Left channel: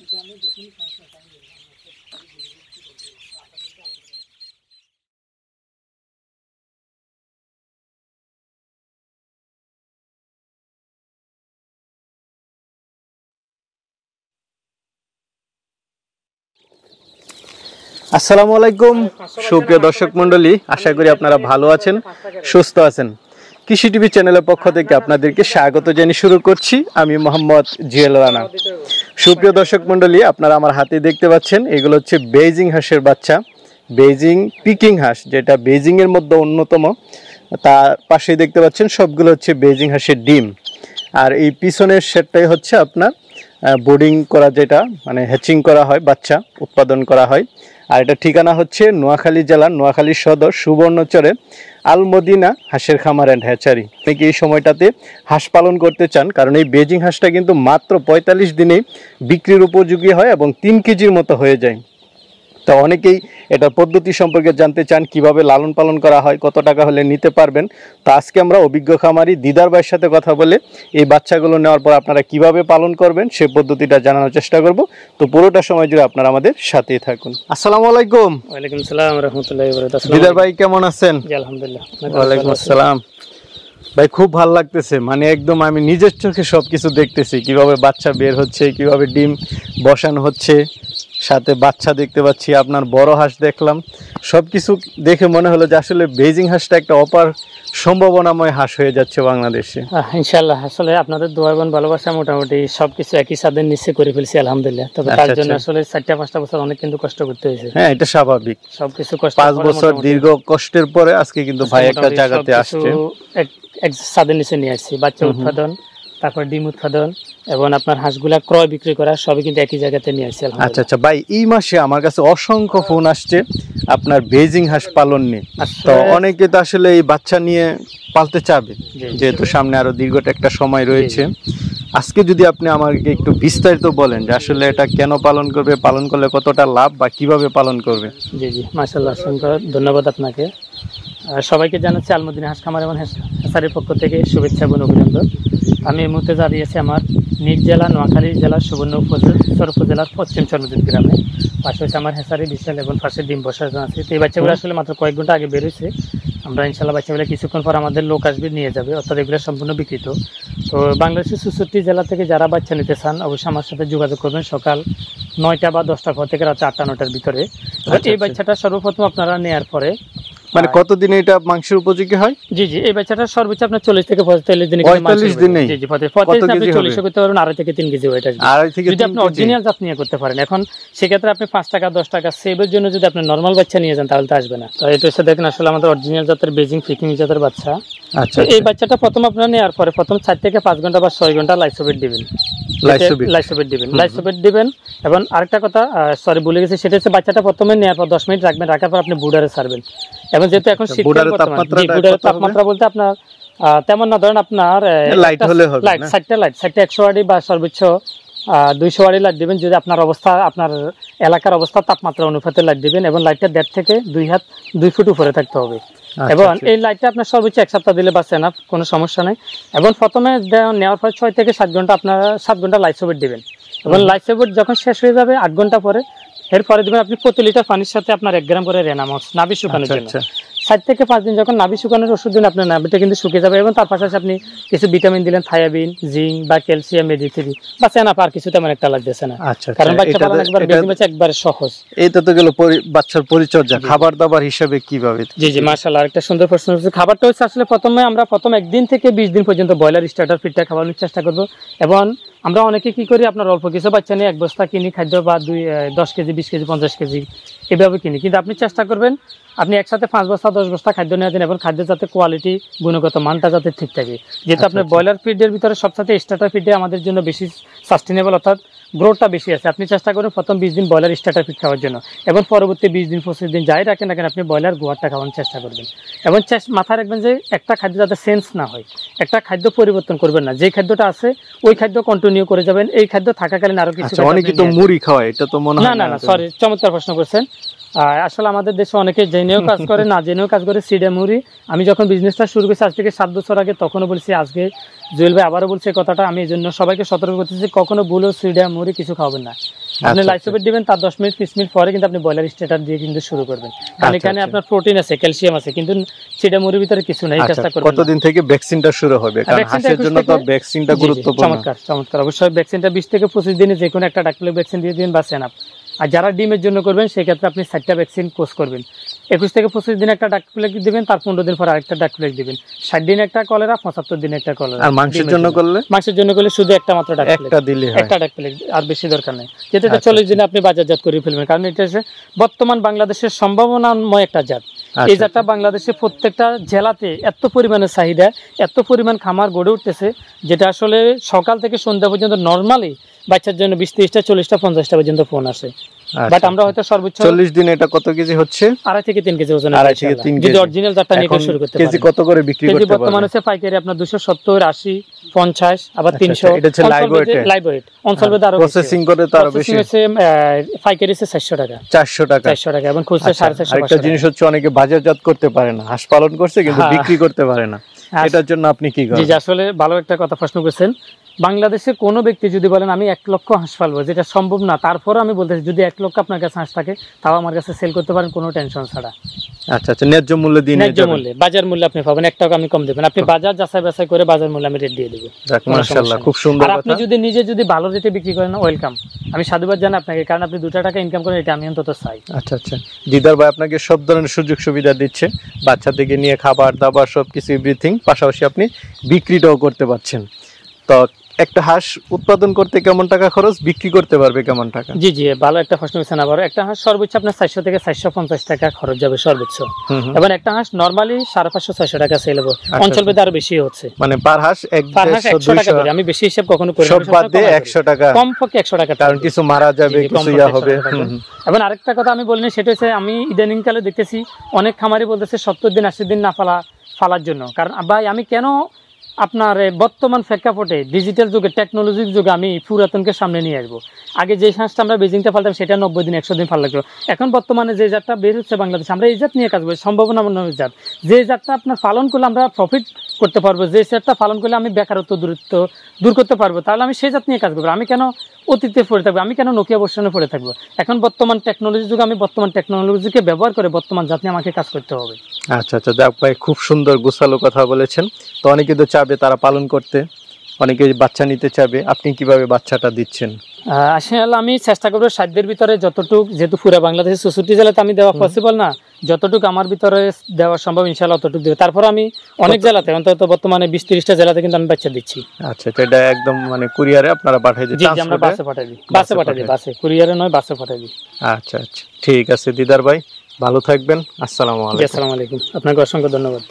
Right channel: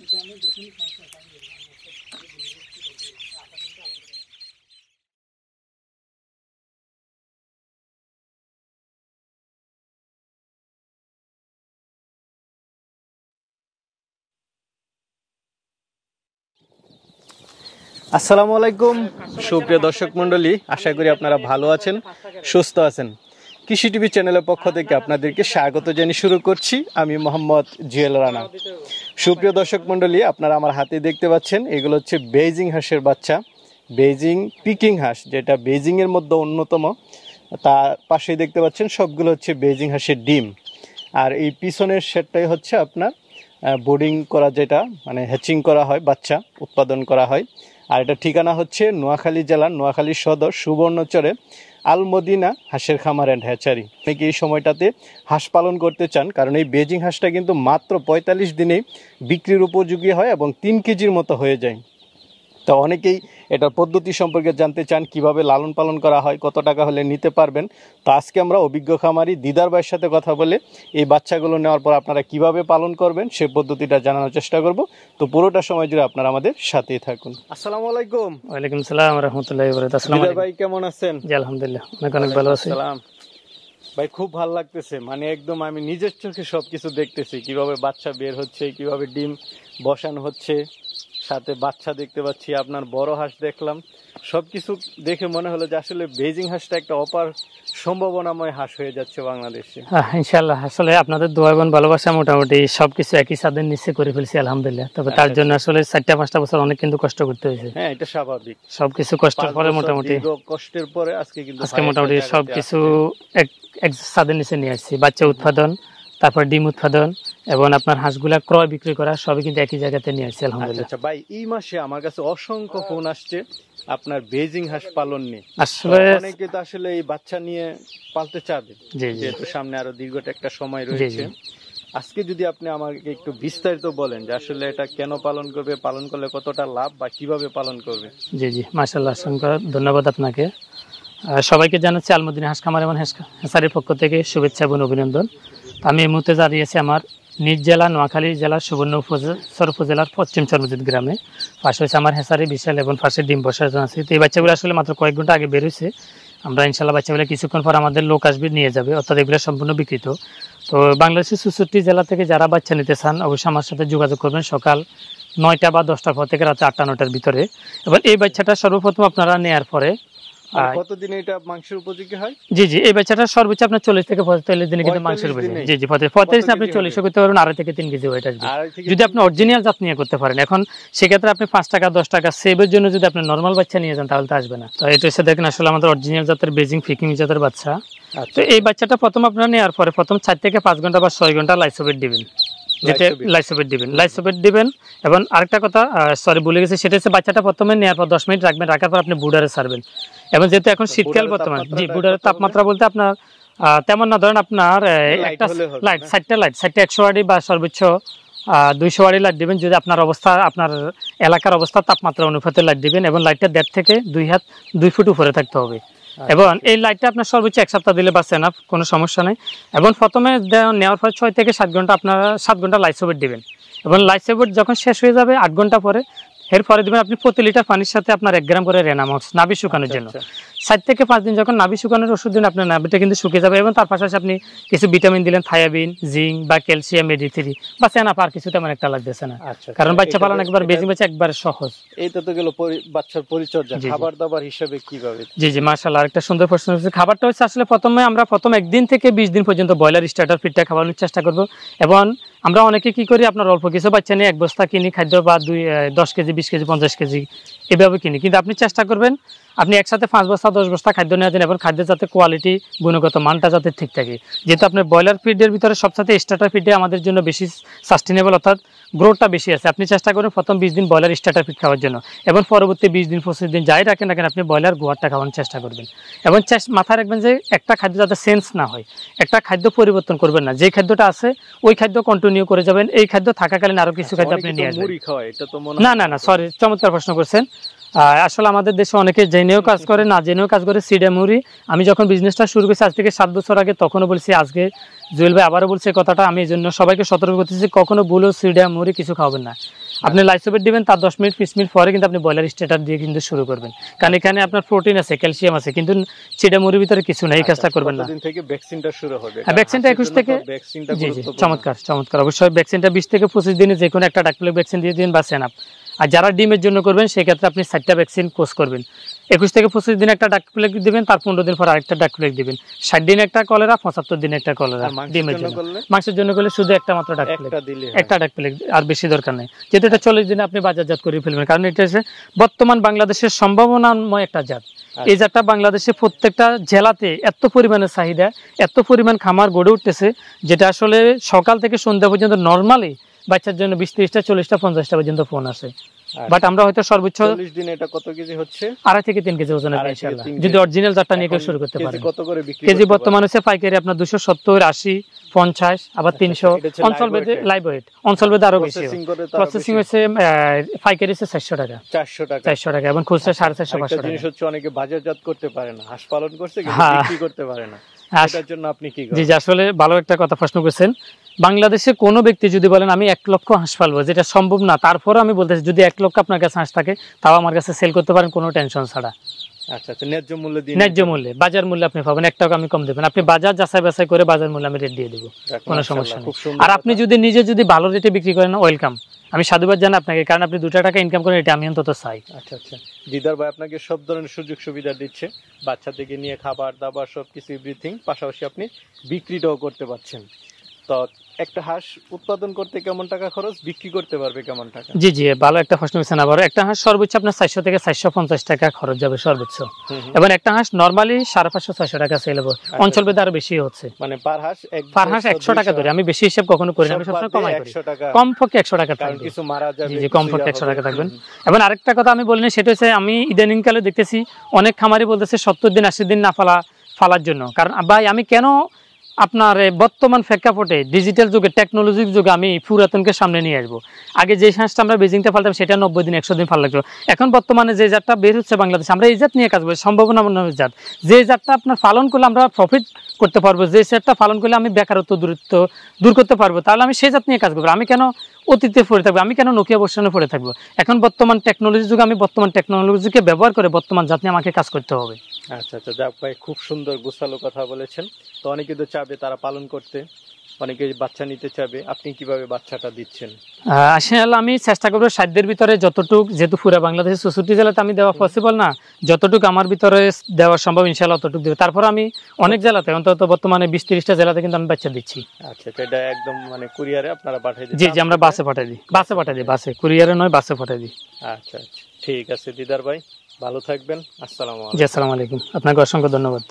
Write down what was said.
আসসালামু আলাইকুম সুপ্রিয় দর্শক মণ্ডলী, আশা করি আপনারা ভালো আছেন, সুস্থ আছেন। কৃষি টিভি চ্যানেলের পক্ষ থেকে আপনাদেরকে স্বাগত জানিয়ে শুরু করছি। আমি মোহাম্মদ জিয়াল রানা। সুপ্রিয় দর্শক মণ্ডলী, আপনারা আমার হাতে দেখতে পাচ্ছেন, এগুলো হচ্ছে বেইজিং হাঁসের বাচ্চা, বেইজিং পিকিং হাঁস, যেটা বেইজিং এর মধ্যে অন্যতম। তার পাশেই দেখতে পাচ্ছেন সবগুলো হচ্ছে বেইজিং হাঁসের ডিম। আর এই পিছনের সেটটাই হচ্ছে আপনার বোর্ডিং করা, যেটা মানে হ্যাচিং করা হয়, বাচ্চা উৎপাদন করা হয়। আর এটা ঠিকানা হচ্ছে নোয়াখালী জেলার নোয়াখালী সদর সুবর্ণচরে আলমদিনা হাঁসের খামার অ্যান্ড হ্যাচারি। অনেকে এই সময়টাতে হাঁস পালন করতে চান, কারণ এই বেইজিং হাঁসটা কিন্তু মাত্র 45 দিনেই বিক্রির উপযোগী হয় এবং 3 কেজির মতো হয়ে যায়। তো অনেকেই এটার পদ্ধতি সম্পর্কে জানতে চান, কিভাবে লালন পালন করা হয়, কত টাকা হলে নিতে পারবেন। তো আজকে আমরা অভিজ্ঞ খামারি দিদার ভাইয়ের সাথে কথা বলে এই বাচ্চাগুলো নেওয়ার পর আপনারা কিভাবে পালন করবেন সেই পদ্ধতিটা জানানোর চেষ্টা করব। তো পুরোটা সময় জুড়ে আপনারা আমাদের সাথেই থাকুন। আসসালামু আলাইকুম। ওয়ালাইকুম আসসালাম ওয়া রাহমাতুল্লাহি ওয়া বারাকাতুহু। দিদার ভাই কেমন আছেন? জি আলহামদুলিল্লাহ। ওয়ালাইকুম আসসালাম। ভাই খুব ভালো লাগতেছে, মানে একদম আমি নিজের চোখে সবকিছু দেখতেছি, কিভাবে বাচ্চা বের হচ্ছে, কিভাবে ডিম বসানো হচ্ছে, সাথে বাচ্চা দেখতে পাচ্ছি, আপনার বড় হাঁস দেখলাম। সবকিছু দেখে মনে হলো যে আসলে বেইজিং হাঁসটা একটা অপার সম্ভাবনাময় হাঁস হয়ে যাচ্ছে বাংলাদেশে। ইনশাআল্লাহ, আসলে আপনাদের দোয়া এবং ভালোবাসা মোটামুটি সবকিছু একই ছাদের নিচে করে ফেলছি আলহামদুলিল্লাহ। তবে তার জন্য আসলে 4-5টা বছর অনেক কিন্তু কষ্ট করতে হয়েছে। হ্যাঁ, এটা স্বাভাবিক। সবকিছু কষ্ট 5 বছর দীর্ঘ কষ্টের পরে আজকে কিন্তু ভাই একটা জায়গাতে আসছে। এক ছাদের নিচে নিয়ে আসছি। বাচ্চা উৎপাদন, তারপর ডিম উৎপাদন এবং আপনার হাঁসগুলা ক্রয় বিক্রি করা সবই কিন্তু একই জায়গাতে নিয়ে আসছি আলহামদুলিল্লাহ। আচ্ছা আচ্ছা ভাই, এই মাসে আমার কাছে অসংখ্য ফোন আসছে আপনার বেইজিং হাঁস পালন নিয়ে। তো অনেকে তো আসলে এই বাচ্চা নিয়ে পালতে চাবে, যেহেতু সামনে আরো দীর্ঘটা একটা সময় রয়েছে। আজকে যদি আপনি আমাকে একটু বিস্তারিত বলেন যে আসলে এটা কেন পালন করবে, পালন করলে কতটা লাভ বা কিভাবে পালন করবে। জি জি, মাশাআল্লাহ, ধন্যবাদ আপনাকে। সবাইকে জানাচ্ছি আলমদিনা হাঁস খামার এবং হ্যাচারির পক্ষ থেকে শুভেচ্ছা এবং অভিনন্দন। আমি এই মুহূর্তে দাঁড়িয়েছি আমার নিজ জেলা নোয়াখালী জেলার সুবর্ণ উপজেলার পশ্চিম সর্বজিৎ গ্রামে। পাশে হচ্ছে আমার হ্যাচারি বিশাল এবং পাশে ডিম বসানো আছে। তো এই বাচ্চাগুলো আসলে মাত্র কয়েক ঘন্টা আগে বেরোচ্ছে। আমরা ইনশাল্লাহ বাচ্চাগুলো কিছুক্ষণ পর আমাদের লোক আসবে, নিয়ে যাবে, অর্থাৎ এগুলো সম্পূর্ণ বিক্রিত। তো বাংলাদেশের 64 জেলা থেকে যারা বাচ্চা নিতে চান অবশ্যই আমার সাথে যোগাযোগ করবেন সকাল 9টা বা 10টার পর থেকে রাত 8টা-9টার ভিতরে। এই বাচ্চাটা সর্বপ্রথম আপনারা নেওয়ার পরে মানে কতদিনে এটা মাংসের উপযোগী হয়? জি জি, এই বাচ্চাটা সর্বোচ্চ আপনার 40 থেকে 45 দিনে কিন্তু মাংস। জি জি, 45 আপনি 40 করতে পারবেন, 2.5 থেকে 3 কেজি ওয়েট আসবে যদি আপনি অরিজিনাল জাত নিয়ে করতে পারেন। এখন সেক্ষেত্রে আপনি 5 টাকা 10 টাকা সেভের জন্য যদি আপনি নরমাল বাচ্চা নিয়ে যান তাহলে তো আসবে না। তো এটা হচ্ছে দেখেন আসলে আমাদের অরিজিনাল জাতের বেইজিং পিকিং জাতের বাচ্চা। আচ্ছা, এই বাচ্চাটা প্রথম আপনারা নেওয়ার পরে প্রথম 4 থেকে 5 ঘন্টা বা 6 ঘন্টা লাইসোবেট দিবেন। লাইসোবেট দিবেন। এবং আরেকটা কথা সরি ভুলে গেছি, সেটা হচ্ছে বাচ্চাটা প্রথমে নেওয়ার পর 10 মিনিট রাখবেন, রাখার পর আপনি বুডারে ছাড়বেন। এবং যেহেতু এখন শীতকাল বর্তমানে, বুডারের তাপমাত্রা বলতে আপনার তেমন না, ধরেন আপনার লাইট 60টা 100 ওয়াট বা সর্বোচ্চ 200 ওয়াট লাইট দিবেন। যদি আপনার অবস্থা, আপনার এলাকার অবস্থা তাপমাত্রা অনুপাতে লাইট দিবেন এবং লাইটটা 1.5 থেকে 2 ফুট উপরে থাকতে হবে। এবং এই লাইটটা আপনার সর্বোচ্চ 1 সপ্তাহ দিলে বাঁচে না, কোনো সমস্যা নেই। এবং প্রথমে নেওয়ার পর 6 থেকে 7 ঘন্টা আপনারা 7 ঘন্টা লাইসোবেট দিবেন। এবং লাইসোবেট যখন শেষ হয়ে যাবে 8 ঘন্টা পরে, এরপরে দিবেন আপনি প্রতি লিটার পানির সাথে আপনার 1 গ্রাম করে রেনামক্স নাভি শুকানোর জন্য। 7 থেকে 5 দিন যখন নাভি শুকানোর ওষুধ দিন, আপনার নাভিটা কিন্তু শুকিয়ে যাবে। এবং তার পাশাপাশি আপনি কিছু ভিটামিন দিলেন, থায়াবিন, জিঙ্ক বা ক্যালসিয়াম, মেডিথ্রি বা সেনা পার কিছু তেমন একটা লাগতেছে না। কারণ বাচ্চা পালন একবার বেশি বাচ্চা একবারে সহজ। এইটা তো গেল বাচ্চার পরিচর্যা। খাবার দাবার হিসাবে কিভাবে? জি জি, মাশাআল্লাহ, আরেকটা সুন্দর প্রশ্ন হচ্ছে। খাবারটা হচ্ছে আসলে প্রথমে আমরা 1 দিন থেকে 20 দিন পর্যন্ত ব্রয়লার স্টার্টার ফিডটা খাওয়ানোর চেষ্টা করব। এবং আমরা অনেকে কি করি, আপনার অল্প কিছু বাচ্চা নিয়ে 1 বস্তা কিনি খাদ্য, বা 10 কেজি 20 কেজি 50 কেজি এভাবে কিনি। কিন্তু আপনি চেষ্টা করবেন আপনি একসাথে 5 বস্তা 10 বস্তা খাদ্য নেওয়া দিন, এবং খাদ্যের যাতে কোয়ালিটি, গুণগত মানটা যাতে ঠিক থাকে। যেহেতু আপনি ব্রয়লার ফিডের ভিতরে সবসাথে স্টার্টার ফিডে আমাদের জন্য বেশি সাস্টেনেবল, অর্থাৎ গ্রোথটা বেশি আছে। আপনি চেষ্টা করেন প্রথম 20 দিন ব্রয়লার স্টার্টার ফিড খাওয়ার জন্য, এবং পরবর্তী 20 দিন 25 দিন যাই রাখেন না কেন আপনি ব্রয়লার গোয়ারটা খাওয়ানোর চেষ্টা করবেন। এবং মাথায় রাখবেন যে একটা খাদ্য যাতে সেন্স না হয়, একটা খাদ্য পরিবর্তন করবেন না। যে খাদ্যটা আছে ওই খাদ্য কন্টিনিউ করে যাবেন। এই খাদ্য থাকাকালীন আরো কিছু অনেকে তো মুড়ি খাওয়ায়, এটা তো মনে হয় না। না সরি, চমৎকার প্রশ্ন করছেন। আসলে আমাদের দেশে অনেকে জেনেও কাজ করে, না জেনেও কাজ করে সিডে মুড়ি। আমি যখন বিজনেসটা শুরু করেছি আজ থেকে 7 বছর আগে, তখনও বলছি, আজকে জুয়েল ভাই আবারও বলছে কথাটা। আমি এই জন্য সবাইকে সতর্ক করতেছি, কখনো ভুলো সিডে মুড়ি কিছু খাওয়াবেন না। আপনি লাইসোভেট দিবেন, তার 10 মিনিট 20 মিনিট পরে কিন্তু আপনি ব্রয়লার স্টার্টার দিয়ে কিন্তু শুরু করবেন, কারণ এখানে আপনার প্রোটিন আছে, ক্যালসিয়াম আছে, কিন্তু চিড়া মুরগির ভিতরে কিছু নেই। কাজটা করবেন কতদিন থেকে ভ্যাকসিনটা শুরু হবে? কারণ হাঁসের জন্য তো ভ্যাকসিনটা গুরুত্বপূর্ণ। চমৎকার চমৎকার, অবশ্যই ভ্যাকসিনটা 20 থেকে 25 দিনে যে কোনো একটা ডাকপ্লেগ ভ্যাকসিন দিয়ে দিন বা সেনাপ। আর যারা ডিমের জন্য করবেন সেই ক্ষেত্রে আপনি 4টা ভ্যাকসিন কোর্স করবেন। 21 থেকে 25 দিনে একটা ডাকপ্লেগ দিবেন, তার 15 দিন পর আরেকটা ডাকপ্লেগ দিবেন। 60 দিনে একটা কলেরা, 75 দিনে একটা কলেরা। আর মাংসের জন্য করলে শুধু একটা মাত্র ডাকপ্লেগ, একটা দিলে হয়, একটা ডাকপ্লেগ, আর বেশি দরকার নেই। যেটা 40 দিনে আপনি বাজারজাত করে ফেলবেন, কারণ এটা হচ্ছে বর্তমান বাংলাদেশের সম্ভাবনাময় একটা জাত। এই জাতটা বাংলাদেশে প্রত্যেকটা জেলাতে এত পরিমাণের চাহিদা, এত পরিমাণ খামার গড়ে উঠতেছে, যেটা আসলে সকাল থেকে সন্ধ্যা পর্যন্ত নরমালি বাচ্চার জন্য 20, 30টা, 40টা, 50টা পর্যন্ত ফোন আসে। বাট আমরা হয়তো সর্বোচ্চ 40 দিনে এটা কত কেজি হচ্ছে? 2.5 থেকে 3 কেজি ওজন। যদি অরিজিনাল জাতটা নিয়ে শুরু করতে পারেন। কেজি কত করে বিক্রি করতে পারবেন? বর্তমানে হচ্ছে পাইকারি আপনার 270, 80, 50, আবার 300। এটা হচ্ছে লাইভ ওয়েট। অনসলভেদ আরো প্রসেসিং করে তো আরো বেশি। পাইকারি হচ্ছে 400 টাকা। 400 টাকা এবং খুচরা 450 টাকা। একটা জিনিস হচ্ছে অনেকে বাজারজাত করতে পারে না, হাঁস পালন করছে কিন্তু বিক্রি করতে পারে না, এটার জন্য আপনি কি করেন? জি, আসলে ভালো একটা কথা প্রশ্ন করেছেন। বাংলাদেশে কোনো ব্যক্তি যদি বলেন আমি 1 লক্ষ হাঁস পালবো, যেটা সম্ভব না, তারপরে আমি বলতেছি যদি 1 লক্ষ আপনার কাছে হাঁস থাকে, তাও আমার কাছে সেল করতে পারেন কোনো টেনশন ছাড়া। আচ্ছা, ন্যায্য মূল্য দিন। ন্যায্য মূল্যে, বাজার মূল্যে আপনি পাবেন, 1 টাকা আমি কম দেবেন। আপনি বাজার যাচাই বাছাই করে বাজার মূল্য আমি রেট দিয়ে দেব। মাশাআল্লাহ, খুব সুন্দর। আর আপনি যদি নিজে ভালো রেটে বিক্রি করেন, ওয়েলকাম, আমি সাধুবাদ জানাই আপনাকে, কারণ আপনি 2 টাকা ইনকাম করেন, এটা আমি অন্তত চাই। আচ্ছা, দিদার ভাই আপনাকে সব ধরনের সুযোগ সুবিধা দিচ্ছে, বাচ্চা থেকে নিয়ে খাবার দাবার সবকিছু এভরিথিং, পাশাপাশি আপনি বিক্রিটাও করতে পারছেন। তো একটা হাঁস উৎপাদন করতে কেমন টাকা খরচ, বিক্রি করতে পারবে কেমন টাকা? জি, ভালো একটা প্রশ্ন করেছেন। আবার একটা হাঁস সর্বোচ্চ আপনার 400 থেকে 450 টাকা খরচ যাবে সর্বোচ্চ, এবং একটা হাঁস নরমালি 550-600 টাকা সেল হবে। অঞ্চল ভেদে আরো বেশি হচ্ছে, মানে পার হাঁস 100 টাকা ধরে, আমি বেশি হিসাব কখনো করি না, সব বাদ দিয়ে 100 টাকা, কমপক্ষে 100 টাকা, কারণ কিছু মারা যাবে, কিছু ইয়া হবে। এবং আরেকটা কথা আমি বলিনি, সেটা হচ্ছে আমি ইদানিং কালে দেখতেছি অনেক খামারি বলতেছে 70 দিন 80 দিন না ফালার জন্য। কারণ ভাই আমি কেন আপনার বর্তমান প্রেক্ষাপটে ডিজিটাল যুগে, টেকনোলজির যুগে আমি পুরাতনকে সামনে নিয়ে আসবো। আগে যে হাঁসটা আমরা বেজিংটা ফালতাম সেটা 90 দিন 100 দিন ফাল লাগতো। এখন বর্তমানে যে জাতটা বের হচ্ছে বাংলাদেশে, আমরা এই জাত নিয়ে কাজ করি, সম্ভাবনা জাত, যে জাতটা আপনার পালন করলে আমরা প্রফিট করতে পারবো, যে জাতটা পালন করলে আমি বেকারত্ব দূর করতে পারবো, তাহলে আমি সেই জাত নিয়ে কাজ করবো। আমি কেন অতীতে পড়ে থাকবো, আমি কেন নোকিয়া বর্ষণে পড়ে থাকবো? এখন বর্তমান টেকনোলজির যুগে আমি বর্তমান টেকনোলজিকে ব্যবহার করে বর্তমান জাত নিয়ে আমাকে কাজ করতে হবে। আচ্ছা, যাক ভাই, খুব সুন্দর গোছালো কথা বলেছেন। তো অনেকে তো চাবে তারা পালন করতে, অনেকে বাচ্চা নিতে চাবে, আপনি কিভাবে বাচ্চাটা দিচ্ছেন? আসলে আমি চেষ্টা করবো সাধ্যের ভিতরে যতটুক, যেহেতু পুরো বাংলাদেশের 64 জেলাতে আমি দেওয়া পসিবল না, যতটুকু আমার ভিতরে দেওয়া সম্ভব ইনশাআল্লাহ ততটুকু দেব। তারপর আমি অনেক জেলাতে, অন্তত বর্তমানে 20-30টা জেলাতে কিন্তু আমি বাচ্চা দিচ্ছি। আচ্ছা, এটা একদম মানে কুরিয়ারে আপনারা পাঠিয়ে দিন? জি, আমরা বাসে পাঠিয়ে দিই, বাসে, কুরিয়ারে নয়, বাসে পাঠিয়ে দিই। আচ্ছা, ঠিক আছে দিদার ভাই, ভালো থাকবেন। আসসালামু আলাইকুম। আসসালামু আলাইকুম, আপনাকে অসংখ্য ধন্যবাদ।